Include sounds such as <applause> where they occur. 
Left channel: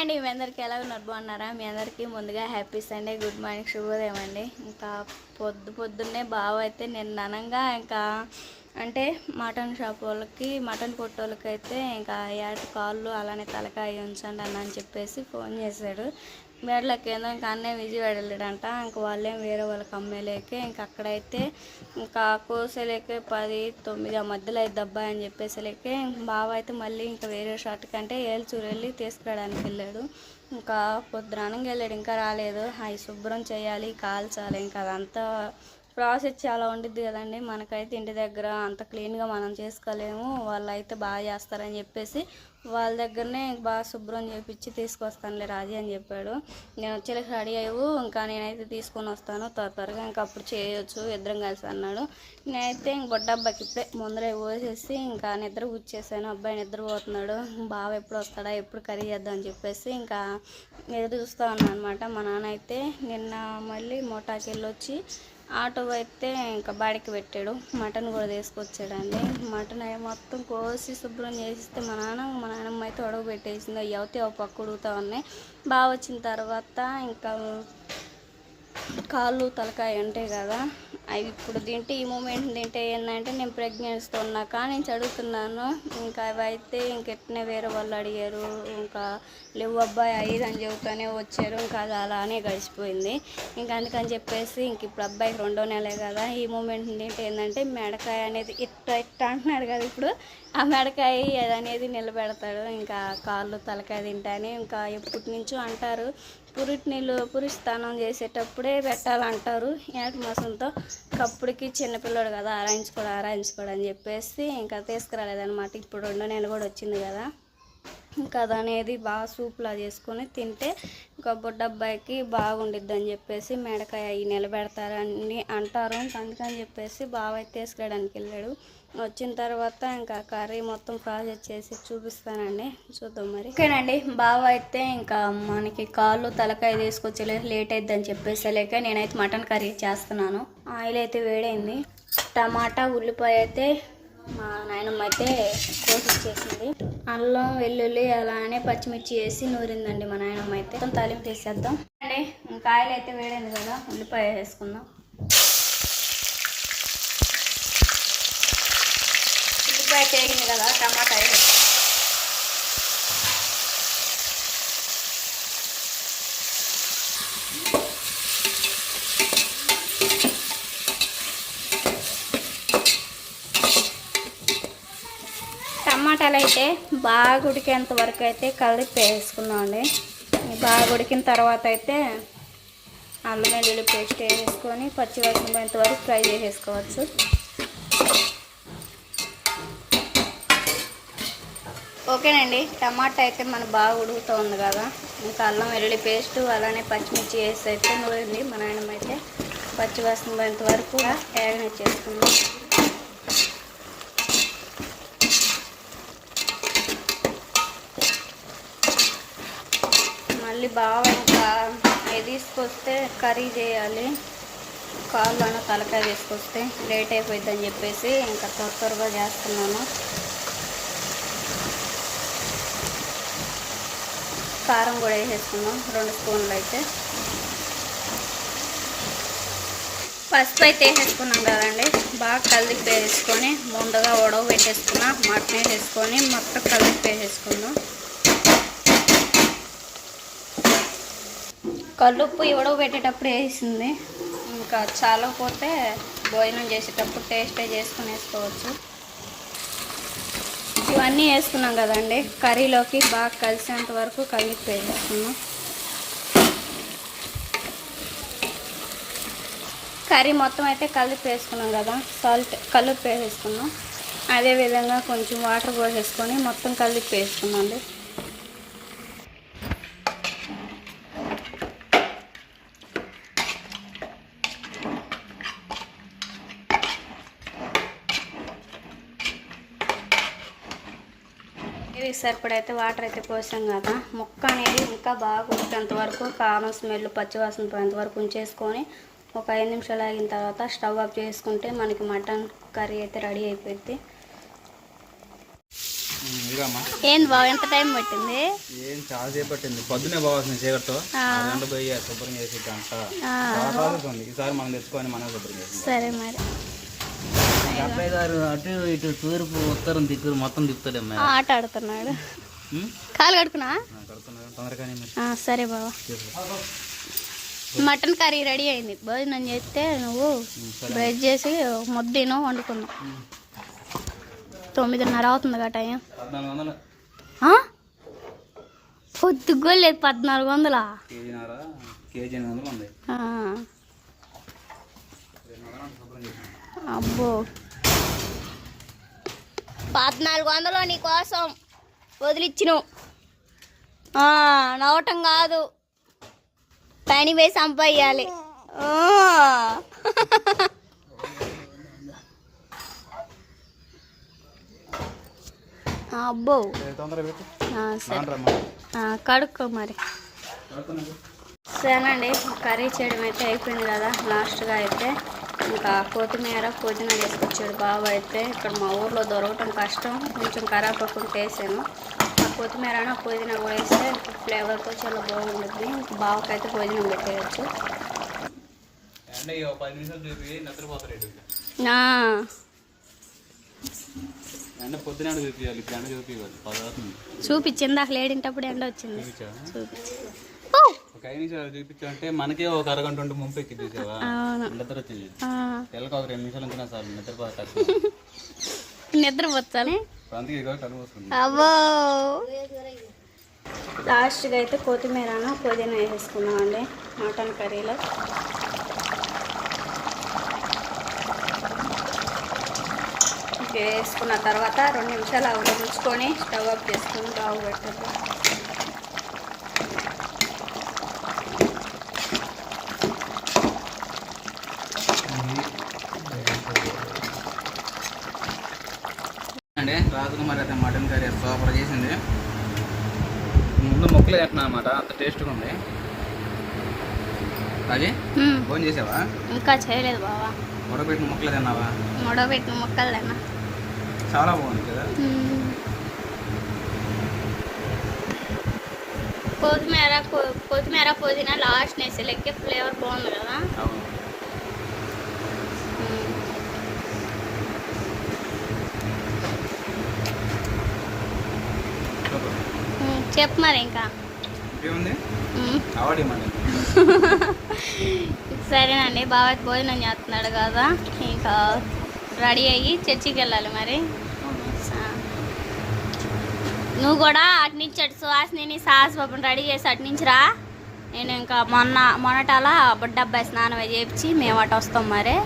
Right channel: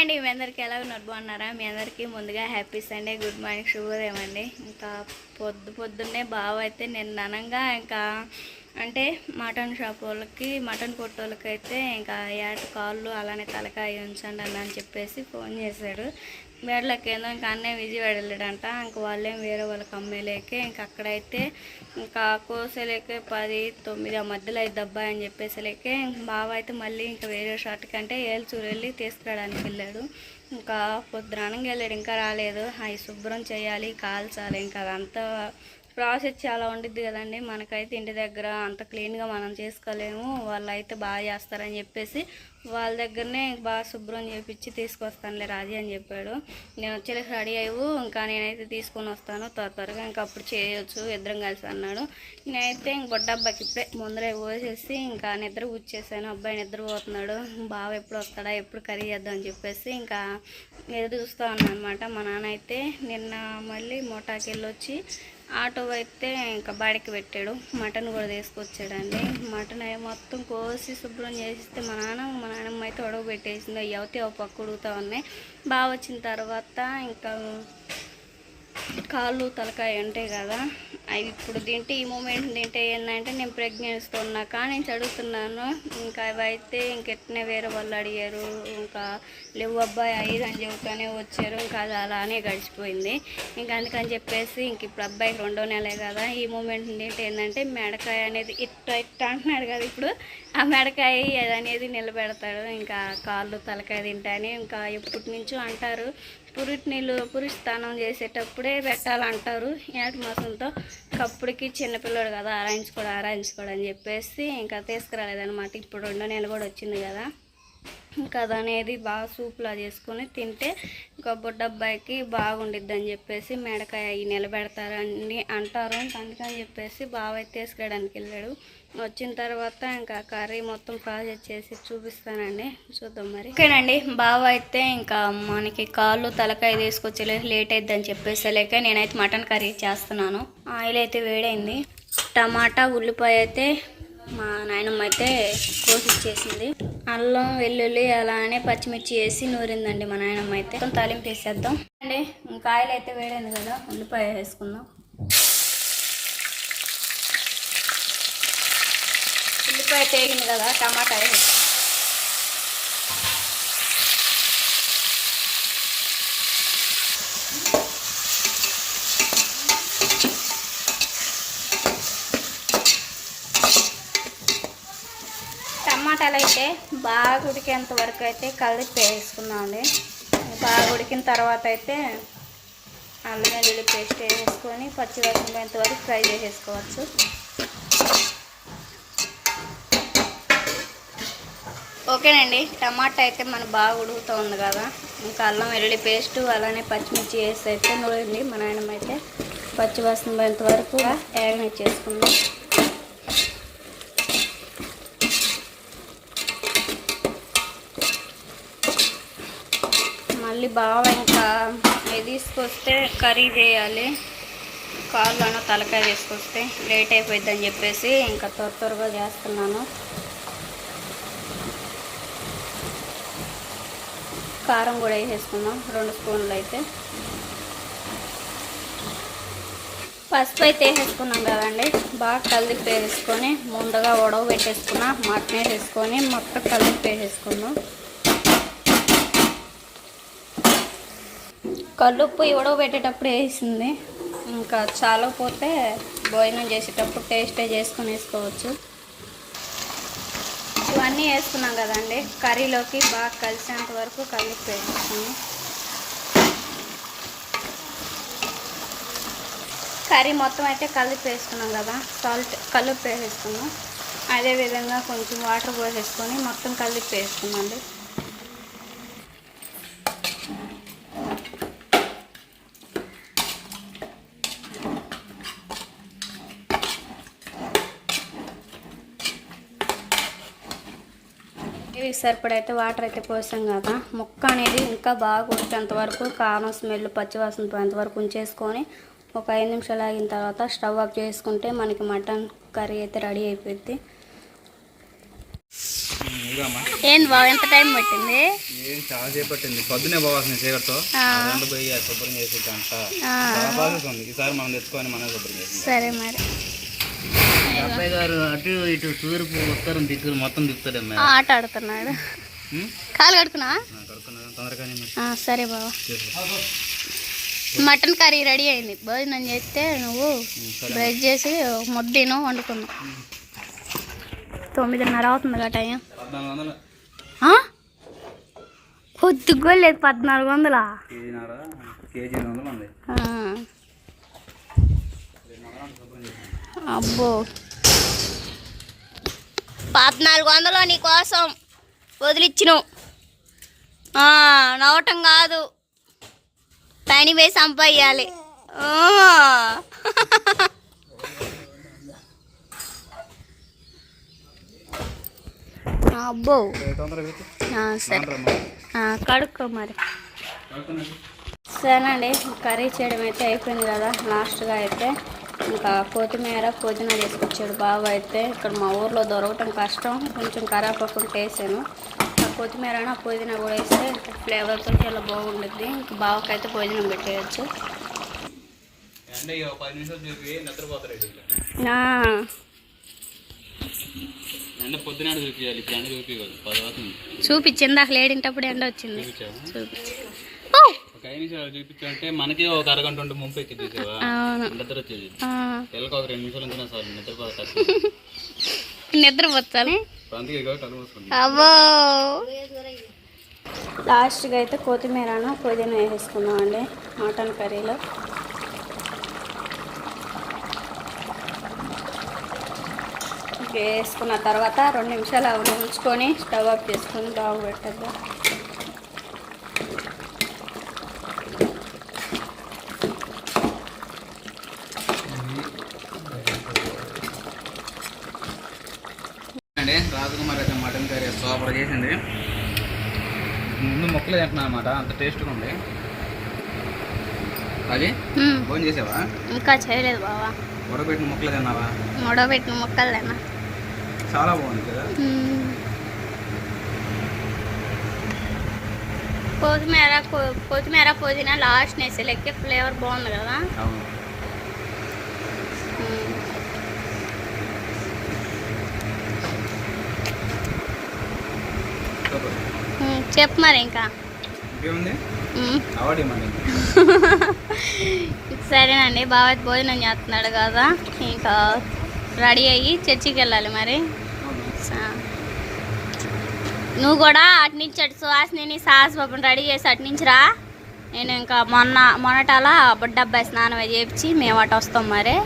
అండి మీ అందరికీ ఎలా ఉన్నారు? బాగున్నారా? మీ అందరికీ ముందుగా హ్యాపీ సండే గుడ్ మార్నింగ్ శుభోదయం అండి. ఇంకా పొద్దు పొద్దున్నే బావ అయితే నిన్న ఇంకా అంటే మటన్ షాప్ వాళ్ళకి మటన్ కొట్టోళ్ళకి అయితే ఇంకా ఏట కాళ్ళు అలానే తలకాయ ఉంచండి అన్న అని చెప్పేసి ఫోన్ చేశాడు. మేడలకి ఏందో ఇంకా అన్నే విజయవాడ వెళ్ళాడంట. ఇంకా వాళ్ళేం వేరే వాళ్ళకి అమ్మేలేకే. ఇంకా అక్కడైతే ఇంకా కోసేలేకే పది తొమ్మిది ఆ మధ్యలో అయితే అబ్బాయి అని చెప్పేసలేకే. బావ అయితే మళ్ళీ ఇంకా వేరే షాట్కి అంటే ఏల్చూరు వెళ్ళి తీసుకురావడానికి వెళ్ళాడు. ఇంకా పొద్దురానంగా వెళ్ళాడు. ఇంకా రాలేదు. అవి శుభ్రం చేయాలి కాల్చాలి. ఇంకా అదంతా ప్రాసెస్ చాలా ఉండిద్ది కదండి. మనకైతే ఇంటి దగ్గర అంత క్లీన్గా మనం చేసుకోలేము. వాళ్ళు అయితే బాగా చేస్తారని చెప్పేసి వాళ్ళ దగ్గరనే బాగా శుభ్రం చేపించి తీసుకొస్తానులే రాజీ అని చెప్పాడు. నేను వచ్చేలకు రెడీ అయ్యవు. ఇంకా నేనైతే తీసుకొని వస్తాను. త్వర త్వరగా ఇంకా అప్పుడు చేయొచ్చు. ఇద్దరం కలిసి అన్నాడు. నేనైతే ఇంక బొడ్డ అబ్బాయికి ఇప్పుడే ముందరే పోసేసి ఇంకా నిద్ర కూర్చేసాను అబ్బాయి నిద్ర పోతున్నాడు బావ ఎప్పుడు వస్తాడా? ఎప్పుడు కర్రీ చేద్దాం అని చెప్పేసి ఇంకా ఎదురు చూస్తూ ఉన్నాను అనమాట మా నాన్న అయితే నిన్న మళ్ళీ మోటాకి వెళ్ళొచ్చి ఆటో అయితే ఇంకా బాడికి పెట్టాడు. మటన్ కూడా తీసుకొచ్చాడండి. మటన్ అవి మొత్తం కోసి శుభ్రం చేసిస్తే మా నాన్న మా నాన్నమ్మ అయితే ఉడక పెట్టేసింది అవి అవుతే ఒక పక్క ఉడుగుతూ ఉన్నాయి. బాగా వచ్చిన తర్వాత ఇంకా కాళ్ళు తలకాయ ఉంటాయి కదా అవి ఇప్పుడు తింటే ఈ మూమెంట్ తింటే ఏంటంటే నేను ప్రెగ్నెన్స్తో ఉన్నా కానీ నేను చదువుతున్నాను. ఇంకా అవి అయితే ఇంకెట్నే వేరే వాళ్ళు అడిగారు. ఇంకా లేవు అబ్బాయి ఐదు అని చెబుతానే వచ్చారు. ఇంకా అది అలానే గడిచిపోయింది. ఇంకా అందుకని చెప్పేసి ఇంక ఇప్పుడు అబ్బాయికి రెండో నెలే కదా ఈ మూమెంట్ తింటే ఏంటంటే మెడకాయ అనేది ఇట్ట ఇట్ట అంటున్నాడు కదా ఇప్పుడు. ఆ మెడకాయ అనేది నిలబెడతాడు. ఇంకా కాళ్ళు తలకాయ తింటాని ఇంకా ఎప్పటి నుంచో అంటారు. పురిటి నీళ్ళు పురుష స్నానం చేసేటప్పుడే పెట్టాలంటారు. ఏట మాసంతో? కప్పుడికి చిన్నపిల్లడు కదా ఆరాయించుకోడు ఆరాయించుకోడు అని చెప్పేసి ఇంకా తీసుకురాలేదన్నమాట. ఇప్పుడు రెండో నెల కూడా వచ్చింది కదా. ఇంకా అది అనేది బాగా సూప్లా చేసుకొని తింటే ఇంకా బుడ్డబ్బాయికి బాగుండిద్ది అని చెప్పేసి మెడకాయ అవి నిలబెడతారని అంటారు. అందుకని చెప్పేసి బాగా తీసుకురావడానికి వెళ్ళాడు. వచ్చిన తర్వాత ఇంకా కర్రీ మొత్తం ప్రాసెస్ చేసి చూపిస్తానండి. చూద్దాం మరి. ఓకేనండి బావ అయితే ఇంకా మనకి కాళ్ళు తలకాయ తీసుకొచ్చి లేట్ అయిద్దని చెప్పేసి లేక నేనైతే మటన్ కర్రీ చేస్తున్నాను. ఆయిల్ అయితే వేడైంది. టమాటా ఉల్లిపాయ అయితే మా నాయనమ్మ అయితే కోసిచ్చేసింది. అల్లం వెల్లుల్లి అలానే పచ్చిమిర్చి వేసి నూరిందండి మా నాయనమ్మ అయితే. మొత్తం తాలింపు వేసేద్దాం. అండి ఇంకా ఆయిల్ అయితే వేడైంది కదా ఉల్లిపాయ వేసుకుందాం. ఉల్లిపాయ పేగింది కదా టమాటా టమాటాలు అయితే బాగా ఉడికేంత వరకు అయితే కలిపి వేసుకున్నామండి బాగా ఉడికిన తర్వాత అయితే అల్లం వెల్లుల్లి పేస్ట్ వేసుకొని పచ్చి వరకు ఫ్రై చేసేసుకోవచ్చు. ఓకేనండి. టమాటా అయితే మనకు బాగా ఉడుగుతూ ఉంది కదా. ఇంకా అల్లం వెల్లుల్లి పేస్ట్ అలానే పచ్చిమిర్చి వేసి అయితే నూరింది. మా నాయనమ్మ అయితే పచ్చి వాసన పోయేంత వరకు వేగన చేసుకుందాం. మళ్ళీ బాగా ఇంకా తీసుకొస్తే కర్రీ చేయాలి. కాళ్ళను తలకాయ తీసుకొస్తే లేట్ అయిపోయిందని చెప్పేసి ఇంకా త్వర త్వరగా చేస్తున్నాను. కారం కూడా వేసేసుకుందాం. రెండు స్పూన్లు అయితే. పసుపు అయితే వేసేసుకున్నాం కదండి. బాగా కలిపి వేసుకొని ముందుగా ఉడవ పెట్టేసుకున్నా మటన్ వేసేసుకొని మొత్తం కలిపి వేసేసుకుందాం కల్లుప్పు ఉడవ పెట్టేటప్పుడు వేసింది. ఇంకా చాలకపోతే భోజనం చేసేటప్పుడు టేస్టే చేసుకుని వేసుకోవచ్చు ఇవన్నీ వేసుకున్నాం కదండి. కర్రీలోకి బాగా కలిసేంత వరకు కలిపి వేసుకున్నాం కర్రీ మొత్తం అయితే కలిపి వేసుకున్నాం కదా. సాల్ట్ కలిపి వేసేసుకున్నాం. అదేవిధంగా కొంచెం వాటర్ పోసేసుకొని మొత్తం కలిపి వేసుకున్నాండి ఇవి సరిపడైతే వాటర్ అయితే పోసాం కదా. ముక్క అనేది ఇంకా బాగా ఉడికేంత వరకు కారం స్మెల్ పచ్చివాసన పోయేంత వరకు ఉంచేసుకొని ఒక ఐదు నిమిషాలు ఆగిన తర్వాత స్టవ్ ఆఫ్ చేసుకుంటే మనకి మటన్ కర్రీ అయితే రెడీ అయిపోద్ది. ఏంది బావ ఎంత టైం పట్టింది? ఏం చాలా సేపు పట్టింది. పొద్దునే పోవాల్సింది చీకటితో. పోయి శుభ్రం చేసి గంట. ప్రాసెస్ ఉంది. ఈసారి మనం తెచ్చుకొని మనం శుభ్రం చేసి సరే మరి. అబ్బాయి గారు అటు ఇటు తూర్పు ఉత్తరం దిక్కులు మొత్తం తిప్పుతాడమ్మా ఆ, ఆట ఆడుతున్నాడు. కాలు కడుకున్నా ఆ, సరే చేసుకో. మటన్ కర్రీ రెడీ అయింది. భోజనం చేస్తే నువ్వు బ్రష్ చేసి ముద్దను వండుకున్నావు తొమ్మిదిన్నర అవుతుంది కదా టైం? పొద్దుగా లేదు పద్నాలుగు వందలా. అబ్బో. పద్నాలుగు వందలు నీకోసం వదిలిచ్చిను. నవ్వటం కాదు. పని వేసి సంపయ్యాలి. అబ్బో. సరే. కడుక్కో మరి. సరేనండి కర్రీ చేయడం అయితే అయిపోయింది కదా లాస్ట్గా అయితే. ఇంకా కొత్తిమీర పుదీనా తీసుకొచ్చాడు బావ అయితే. ఇక్కడ మా ఊర్లో దొరకటం కష్టం. కొంచెం కరాపకుండా వేసాను. ఆ కొత్తిమీర పుదీనా కూడా వేస్తే ఫ్లేవర్తో చాలా బాగుంటుంది ఇంకా బావకైతే భోజనం పెట్టేయచ్చు. చూపించదు? ఇందాక లేడింటప్పుడు ఎండ వచ్చింది. చూపించి. ఒక ఐదు నిమిషాలు చూపించాలంటే మనకే ఒక అరగంట ఉంటే ముంపు ఎక్కి చూసావా? నిద్ర వచ్చేది. ఆ, పిల్లకి ఒక రెండు నిమిషాలు ఉంచినా సార్ నిద్రపోతారు నిద్రపోతాను అందుకే ఇక కళ్ళు మూసుకుంది అవ్వో లాస్ట్గా అయితే కొత్తిమీరను పుదీనా వేసేసుకుందామండి మటన్ కర్రీలో. వేసుకున్న తర్వాత రెండు నిమిషాలు అవి ఉంచుకొని స్టవ్ ఆఫ్ చేసుకొని బాగు పెట్టద్దు. అండి రాజకుమారి అయితే మటన్ కర్రీ సూపర్ చేసింది. ముందు మొక్కలు తింటున్నా అనమాట అంత టేస్ట్గా ఉంది. అది. ఫోన్ చేసావా? ఇంకా చేయలేదు బావా. ఉడకబెట్టిన మొక్కలు తిన్నావా? మూడోబెట్టిన ముక్కలేనా చాలా బాగుంది కదా? కొత్తిమీర కొత్తిమీర పుదీనా లాస్ట్ నేసేలకి ఫ్లేవర్ బాగుంది కదా? అవును మ్మ్. సూపర్ మ్మ్. చెప్పు మరి ఇంకా. <laughs> సరేనండి బాబాయ్ భోజనం చేస్తున్నాడు కదా. ఇంకా రెడీ అయ్యి చర్చికి వెళ్ళాలి మరి. నువ్వు కూడా అటు నుంచి అటు సుహాసిని సాహస్ బాబుని రెడీ చేసి అటు నుంచి రా. నేను ఇంకా మొన్న మొన్నటాల బుడ్డ అబ్బాయి స్నానం చేయించి మేము అటు వస్తాం మరి.